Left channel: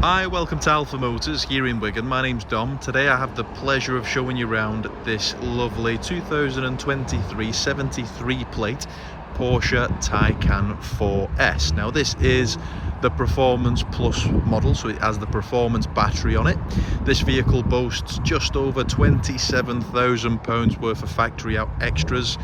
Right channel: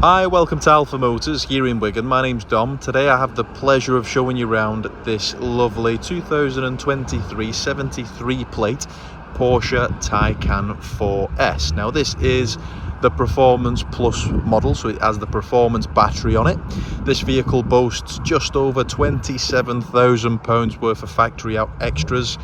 Hi, welcome to Alpha Motors here in Wigan. My name's Dom. Today I have the pleasure of showing you around this lovely 2023 73 plate Porsche Taycan 4S. Now this is the Performance Plus model, so it has the performance battery on it. This vehicle boasts just over £27,000 worth of factory out extras.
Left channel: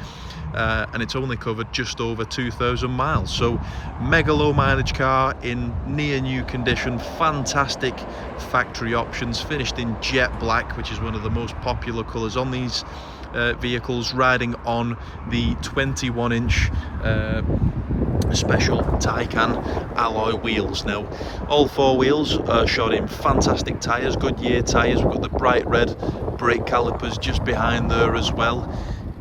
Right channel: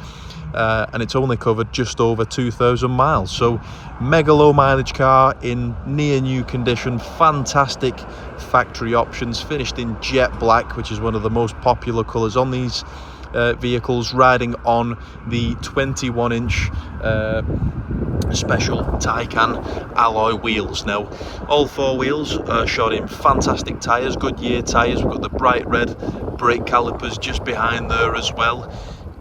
And it's only covered just over 2,000 miles, so mega low mileage car in near new condition. Fantastic factory options, finished in jet black, which is one of the most popular colors on these vehicles, riding on the 21-inch special Taycan alloy wheels. Now all four wheels are shod in fantastic tires, Goodyear tires. We've got the bright red brake calipers just behind there as well.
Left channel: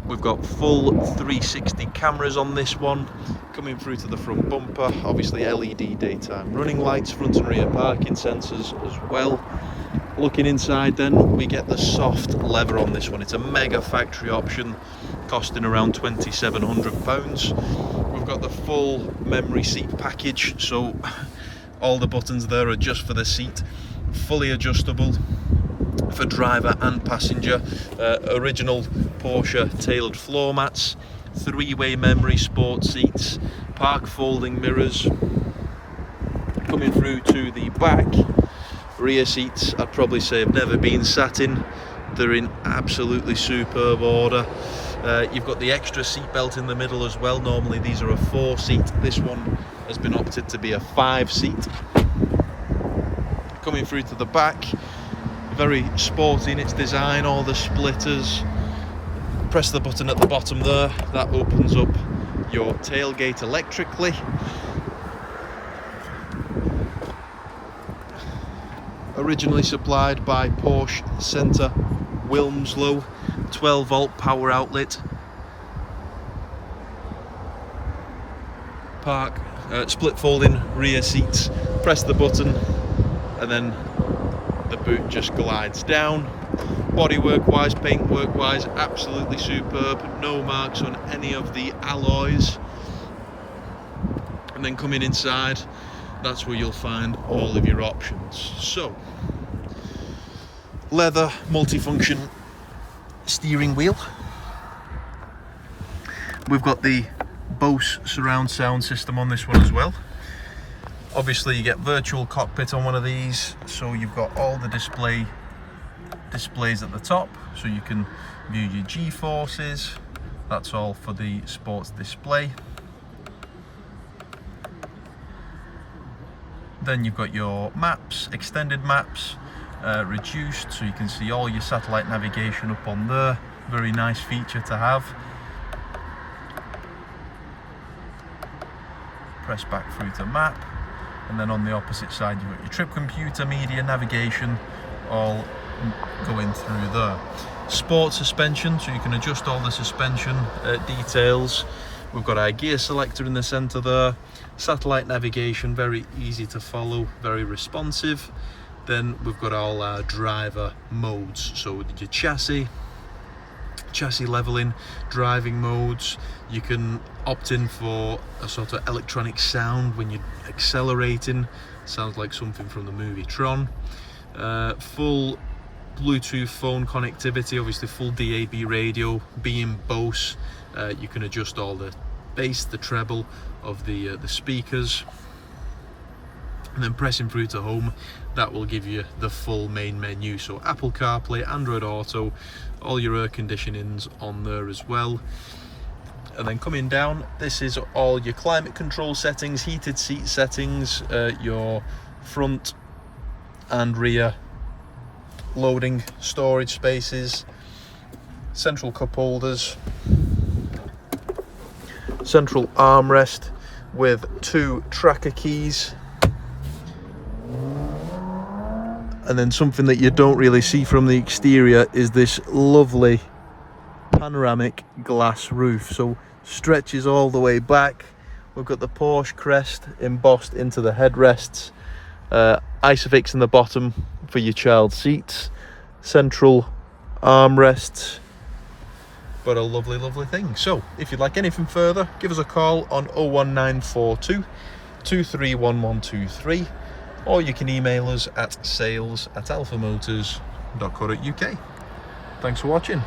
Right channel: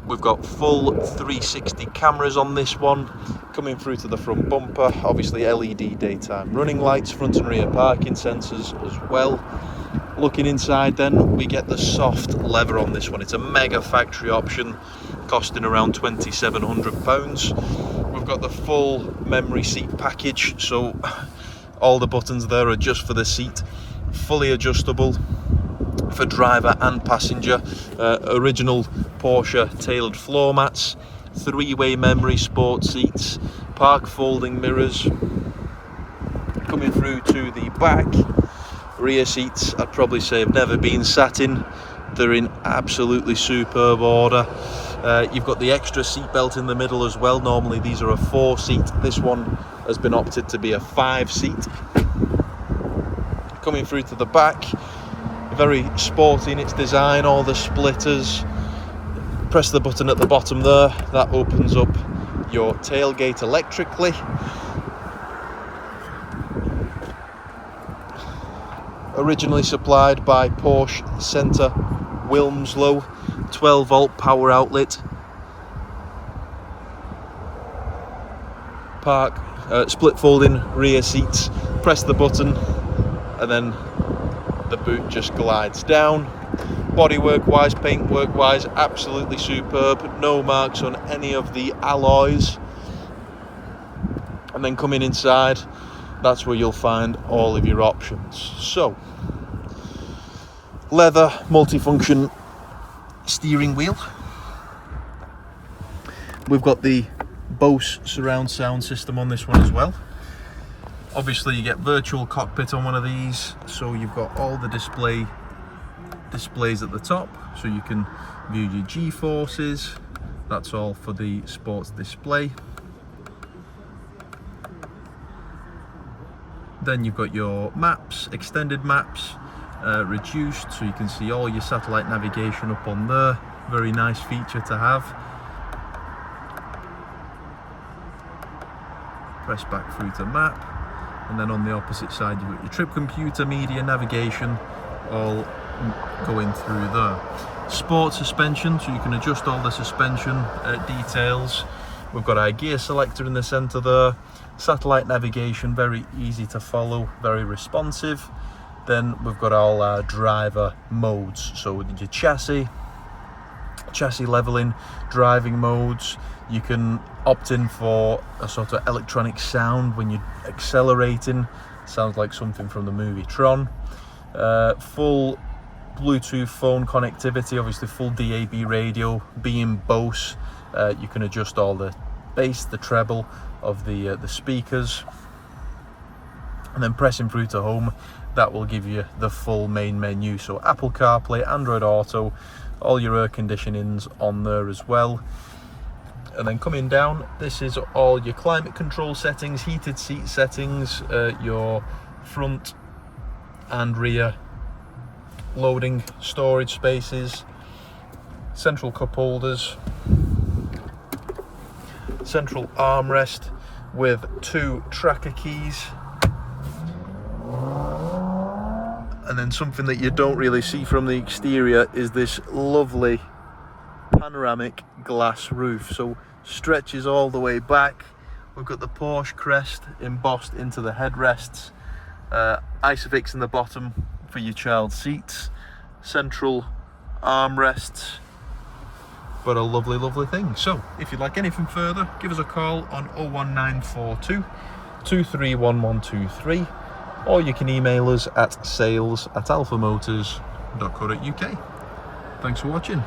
We've got full 360 cameras on this one, coming through to the front bumper. Obviously LED daytime running lights, front and rear parking sensors as well. Looking inside then, we get the soft leather on this one. It's a mega factory option, costing around £2,700. We've got the full memory seat package, so all the buttons there are just for the seat, fully adjustable for driver and passenger. Original Porsche tailored floor mats, three-way memory sport seats, park folding mirrors. Coming through to the back, rear seats I'd probably say have never been sat in. They're in absolutely superb order. You've got the extra seat belt in the middle as well. Normally these are a 4-seat. This one has been opted to be a 5-seat. Coming through to the back, very sporty in its design, all the splitters. Press the button at the bottom there, that opens up your tailgate electrically. Originally supplied by Porsche Centre Wilmslow, 12-volt power outlet. Split folding rear seats. Press the button and then the boot just glides down. Bodywork wise, paintwork wise, absolutely superb. No marks on any of the alloys. And then coming inside, that's where you'll find all of your options. So, leather multifunction steering wheel. We've got the BOSE surround sound system on this one as well. Obviously you get virtual cockpit on one of these, so you've got all the displays at the top, so you can view your G-forces. That's all for the sports display. Then you've got your maps, extended maps, reduced, so you can see all your satellite navigation up on there. Very nice feature to have. Press back through to map. And then on the opposite side you've got your trip computer, media, navigation, all going through there. Sport suspension, so you can adjust all the suspension details. We've got our gear selector in the center there. Satellite navigation, very easy to follow, very responsive. Then we've got all our driver modes, so your chassis leveling, driving modes. You can opt in for a sort of electronic sound when you're accelerating. Sounds like something from the movie Tron. Full Bluetooth phone connectivity, obviously full DAB radio. Being BOSE, you can adjust all the bass, the treble of the speakers. And then pressing through to home, that will give you the full main menu. So Apple CarPlay, Android Auto, all your air conditionings on there as well. And then coming down, this is all your climate control settings, heated seat settings, your front and rear loading storage spaces, central cup holders, central armrest with 2 tracker keys. And then something that you don't really see from the exterior is this lovely panoramic glass roof, so stretches all the way back. We've got the Porsche crest embossed into the headrests, Isofix in the bottom for your child seats, central armrests. But a lovely thing. So if you'd like anything further, give us a call on 01942 231123. or you can email us at sales@alphamotors.co.uk. Thanks for watching.